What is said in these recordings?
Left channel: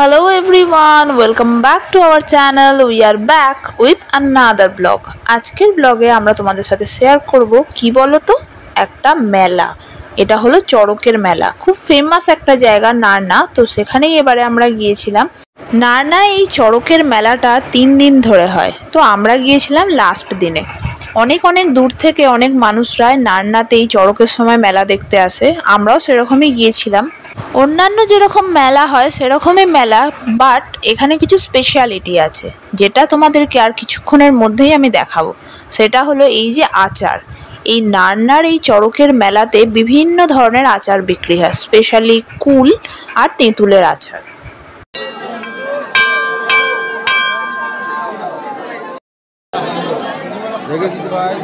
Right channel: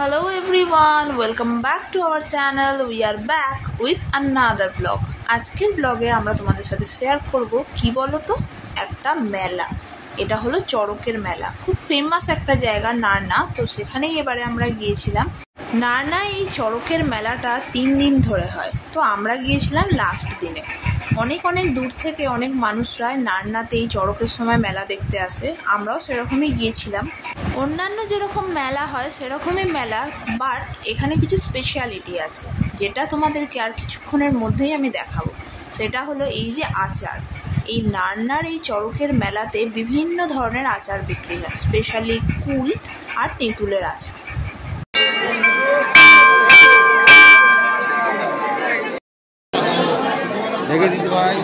Hello everyone, welcome back to our channel. We are back with another vlog. আজকের ব্লগে আমরা তোমাদের সাথে শেয়ার করব কি বলো তো, একটা মেলা। এটা হলো চড়কের মেলা, খুব ফেমাস একটা জায়গা নারনা। তো সেখানেই এবারে আমরা গিয়েছিলাম। নারনা এই চড়কের মেলাটা 3 দিন ধরে হয়, তো আমরা গিয়েছিলাম লাস্ট দিনে। অনেক দূর থেকে অনেক মানুষরা নারনাতে এই চড়কের সময় মেলা দেখতে আসে, আমরাও সেরকমই গিয়েছিলাম। অন্যান্য যেরকম মেলা হয় সেরকমই মেলা, বাট এখানে কিছু স্পেশালিটি আছে যেটা তোমাদেরকে আর কিছুক্ষণের মধ্যেই আমি দেখাবো। সেটা হলো এই যে আচার। এই নারনার এই চড়কের মেলাতে বিভিন্ন ধরনের আচার বিক্রি হয়, স্পেশালি কুল আর তেঁতুলের আচার। দেখে দিতে ভাই,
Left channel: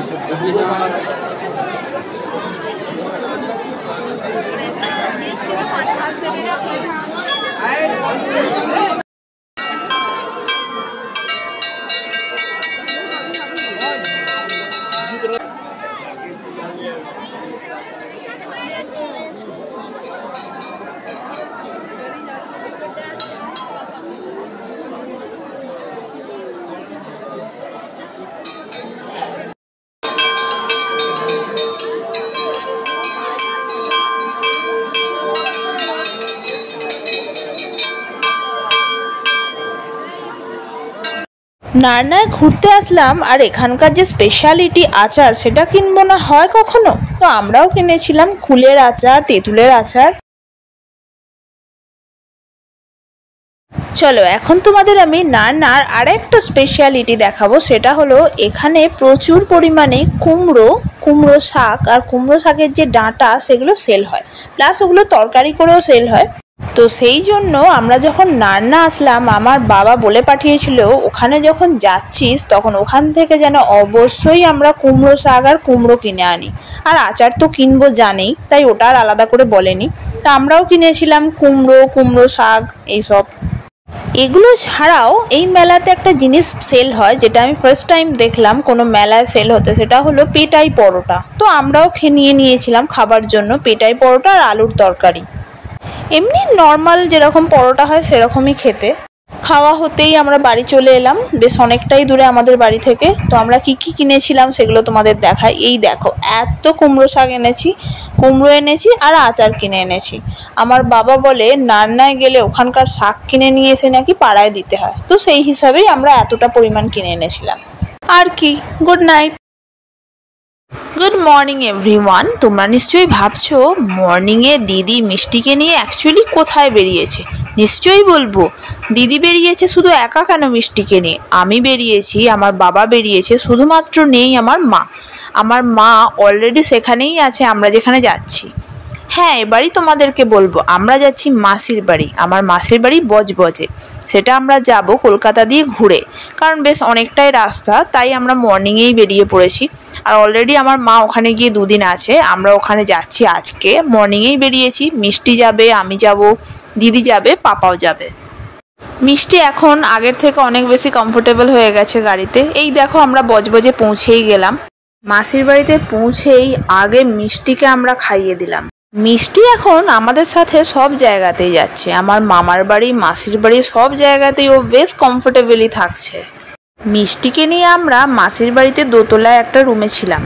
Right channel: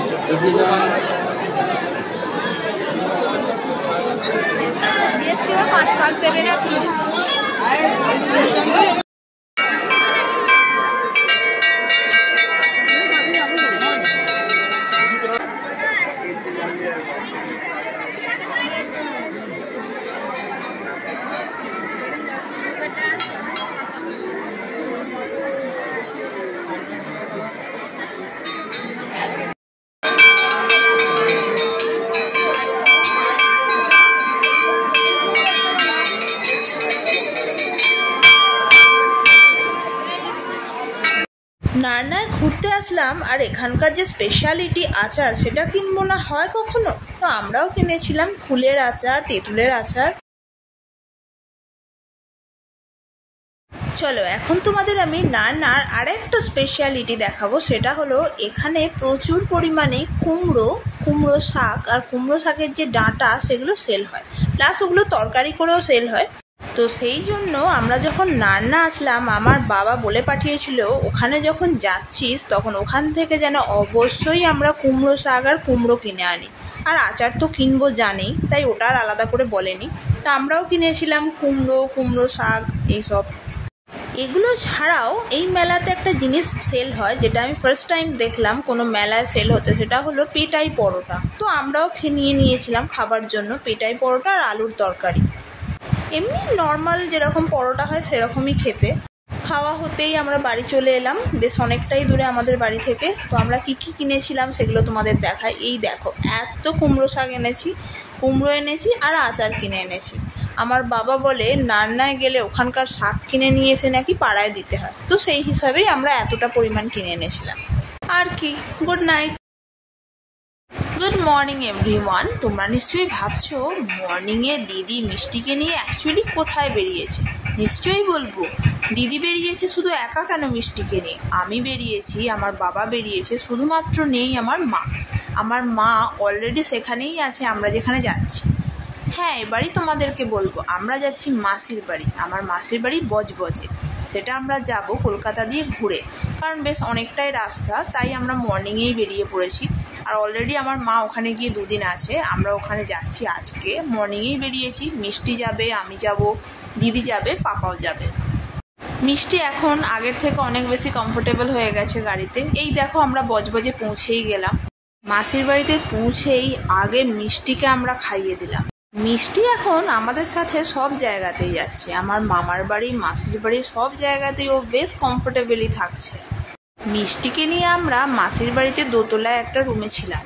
নারনায় ঘুরতে আসলাম আর এখানকার যে স্পেশালিটি আচার সেটা কিনবো না হয় কখনো? তো আমরাও কিনেছিলাম কুলের আচার, তেঁতুলের আচার। চলো এখন তোমাদের আমি নারনার আরেকটা স্পেশালিটি দেখাবো। সেটা হলো এখানে প্রচুর পরিমাণে কুমড়ো শাক আর কুমড়ো শাকের যে ডাঁটা সেগুলো সেল হয়, প্লাস ওগুলো তরকারি করেও সেল হয়। তো সেই জন্য আমরা যখন নারনা আসলাম, আমার বাবা বলে পাঠিয়েছিল ওখানে যখন যাচ্ছিস তখন ওখান থেকে যেন অবশ্যই আমরা কুমড়ো শাক আর কুমড়ো কিনে আনি। আর আচার তো কিনবো জানেই, তাই ওটা আর আলাদা করে বলেনি। তা আমরাও কিনেছিলাম কুমড়ো শাক এইসব। এগুলো ছাড়াও এই মেলাতে একটা জিনিস সেল হয় যেটা আমি ফার্স্ট টাইম দেখলাম কোনো মেলায় সেল হতে, সেটা হলো পেটাই পরোটা। তো আমরাও নিয়েছিলাম খাবার জন্য পেটাই পরোটা আর আলুর তরকারি। এমনি নর্মাল যেরকম পরোটা হয় সেরকমই খেতে। খাওয়া হতেই আমরা বাড়ি চলে এলাম, বেশ অনেকটাই দূরে আমাদের বাড়ি থেকে। তো আমরা কি কিনেছিলাম সেগুলো তোমাদের দেখাই। এই দেখো, এত কুমড়ো শাক এনেছি, কুমড়ো এনেছি আর আচার কিনে এনেছি। আমার বাবা বলে নারনায় গেলে ওখানকার শাক কিনে নিয়ে এসে নাকি পাড়ায় দিতে হয়, তো সেই হিসাবেই আমরা এতটা পরিমাণ কিনে এনেছিলাম। আর কি, good night. Good morning everyone. তোমরা নিশ্চয়ই ভাবছো মর্নিংয়ে দিদি মিষ্টিকে নিয়ে অ্যাকচুয়ালি কোথায় বেরিয়েছে। নিশ্চয়ই বলবো, দিদি বেরিয়েছে শুধু একা কেন মিষ্টিকে নিয়ে, আমি বেরিয়েছি, আমার বাবা বেরিয়েছে, শুধুমাত্র নেই আমার মা। আমার মা অলরেডি সেখানেই আছে আমরা যেখানে যাচ্ছি। হ্যাঁ, এবারই তোমাদেরকে বলবো আমরা যাচ্ছি মাসির বাড়ি। আমার মাসির বাড়ি বজবজে, সেটা আমরা যাব কলকাতা দিয়ে ঘুরে, কারণ বেশ অনেকটাই রাস্তা, তাই আমরা মর্নিংয়েই বেরিয়ে পড়েছি। আর অলরেডি আমার মা ওখানে গিয়ে 2 দিন আছে, আমরা ওখানে যাচ্ছি আজকে। মর্নিংয়েই বেরিয়েছি, মিষ্টি যাবে, আমি যাব, দিদি যাবে, পাপাও যাবে। মিষ্টি এখন আগের থেকে অনেক বেশি কমফোর্টেবল হয়ে গেছে গাড়িতে। এই দেখো আমরা বজবজে পৌঁছেই গেলাম। মাসির বাড়িতে পৌঁছেই আগে মিষ্টিকে আমরা খাইয়ে দিলাম। মিষ্টি এখন আমাদের সাথে সব জায়গাতেই যাচ্ছে, আমার মামার বাড়ি, মাসির বাড়ি, সব জায়গাতেই ও বেশ কমফোর্টেবলি থাকছে। মিষ্টিকে নিয়ে আমরা মাসির বাড়িতে দোতলায় একটা রুমে ছিলাম,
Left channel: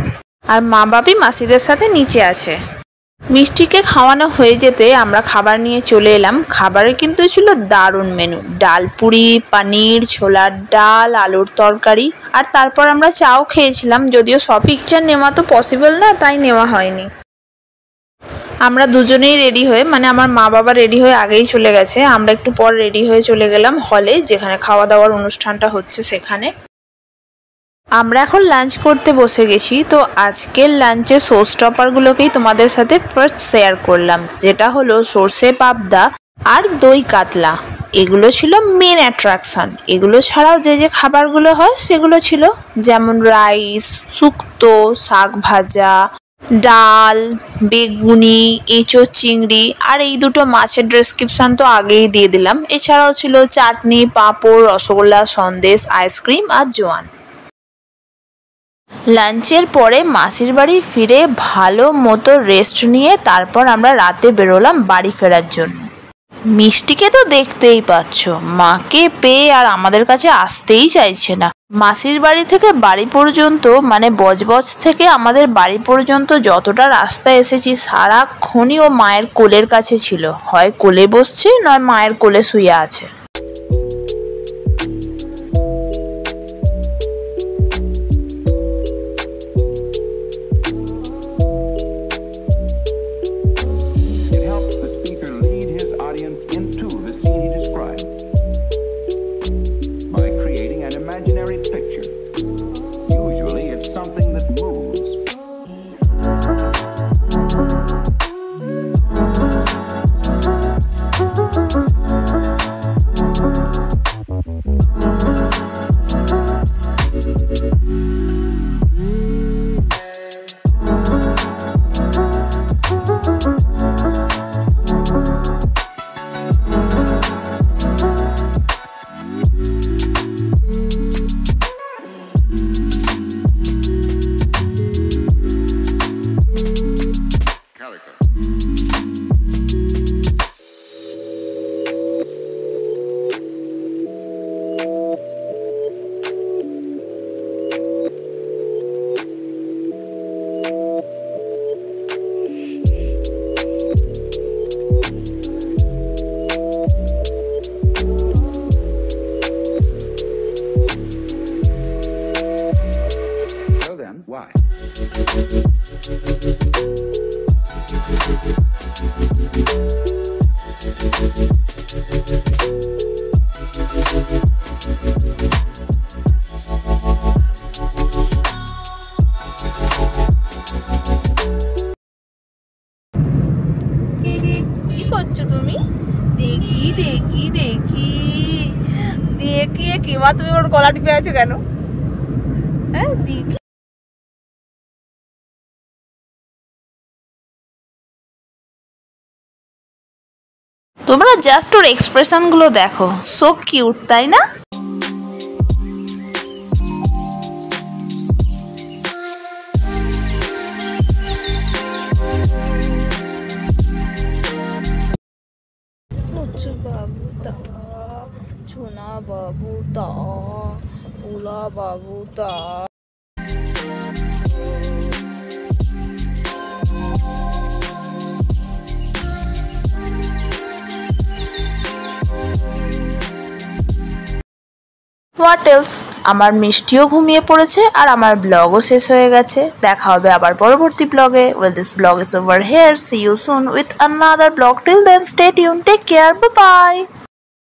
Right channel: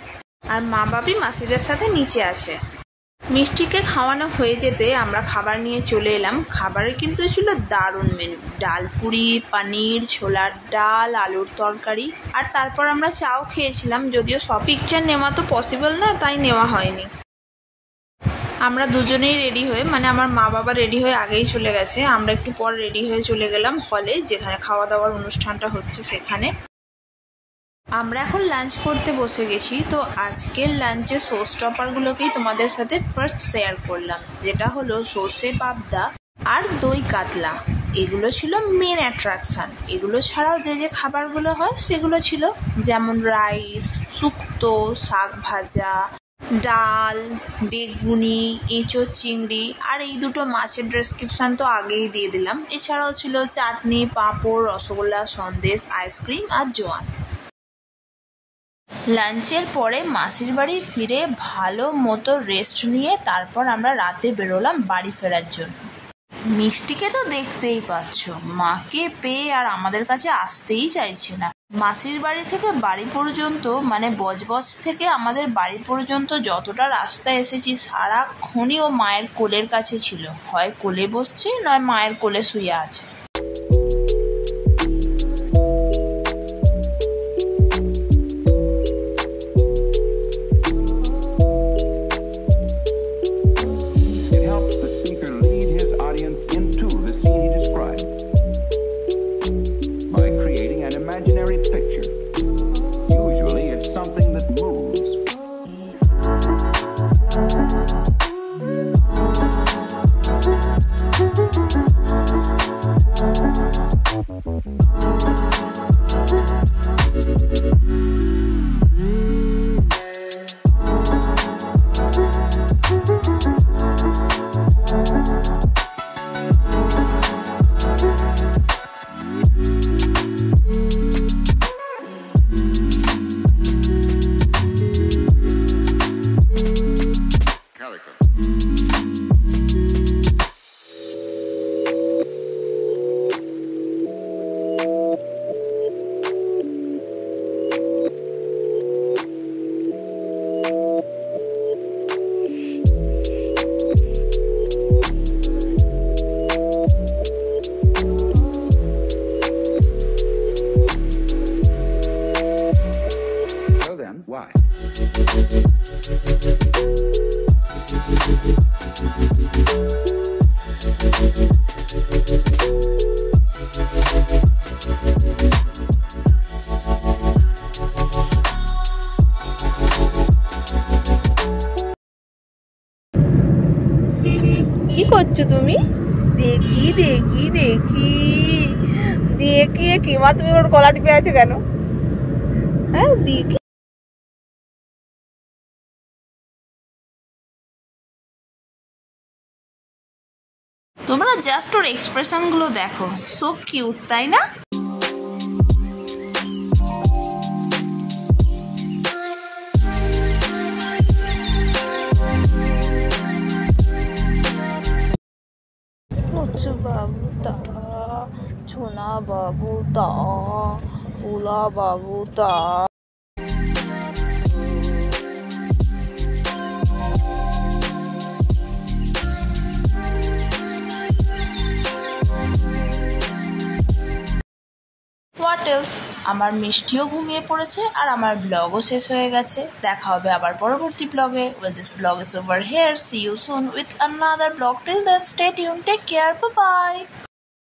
আর মা বাপি মাসিদের সাথে নিচে আছে। মিষ্টিকে খাওয়ানো হয়ে যেতে আমরা খাবার নিয়ে চলে এলাম। খাবারে কিন্তু ছিল দারুণ মেনু, ডাল পুরি, পনির, ছোলার ডাল, আলুর তরকারি, আর তারপর আমরা চাও খেয়েছিলাম। যদিও সব পিকচার নেওয়া তো পসিবল না, তাই নেওয়া হয়নি। আমরা দুজনেই রেডি হয়ে, মানে আমার মা বাবা রেডি হয়ে আগেই চলে গেছে, আমরা একটু পর রেডি হয়ে চলে গেলাম হলে, যেখানে খাওয়া দাওয়ার অনুষ্ঠানটা হচ্ছে সেখানে। আমরা এখন লাঞ্চ করতে বসে গেছি। তো আজকের লাঞ্চের শো স্টপারগুলোকেই তোমাদের সাথে ফার্স্ট শেয়ার করলাম, যেটা হলো সর্ষে পাবদা আর দই কাতলা। এগুলো ছিল মেন অ্যাট্রাকশন। এগুলো ছাড়াও যে যে খাবারগুলো হয় সেগুলো ছিল, যেমন রাইস, শুক্তো, শাক ভাজা, ডাল, বেগুনি, এঁচোড়, চিংড়ি, আর এই দুটো মাছের ডেসক্রিপশন তো আগেই দিয়ে দিলাম। এছাড়াও ছিল চাটনি, পাঁপড়, রসগোল্লা, সন্দেশ, আইসক্রিম আর জোয়ান। লাঞ্চের পরে মাসির বাড়ি ফিরে ভালো মতো রেস্ট নিয়ে তারপর আমরা রাতে বেরোলাম বাড়ি ফেরার জন্য। মিষ্টিকে তো দেখতেই পাচ্ছ, মাকে পেয়ে আর আমাদের কাছে আসতেই চাইছে না। মাসির বাড়ি থেকে বাড়ি পর্যন্ত, মানে বজবজ থেকে আমাদের বাড়ি পর্যন্ত যতটা রাস্তা এসেছি সারাক্ষণই ও মায়ের কোলের কাছে ছিল, হয় কোলে বসছে নয় মায়ের কোলে শুয়ে আছে। Why? কি করছো তুমি? দেখি দেখি দেখি দেখি কিমা, তুমি ওর গলা টিপে আছো কেন? হ্যাঁ দেখি। তোমরা জাস্ট ওর এক্সপ্রেশন গুলো দেখো, সো কিউট, তাই না? মুচু বাবু তা, ছোনা বাবু তা, পোলা বাবু তা। হোয়াট এলস, আমার মিষ্টিও ঘুমিয়ে পড়েছে আর আমার ব্লগও শেষ হয়ে গেছে। দেখা হবে আবার পরবর্তী ব্লগে। Well, this blog is over here. See you soon with another blog. Till then, stay tuned. Take care. Bye bye.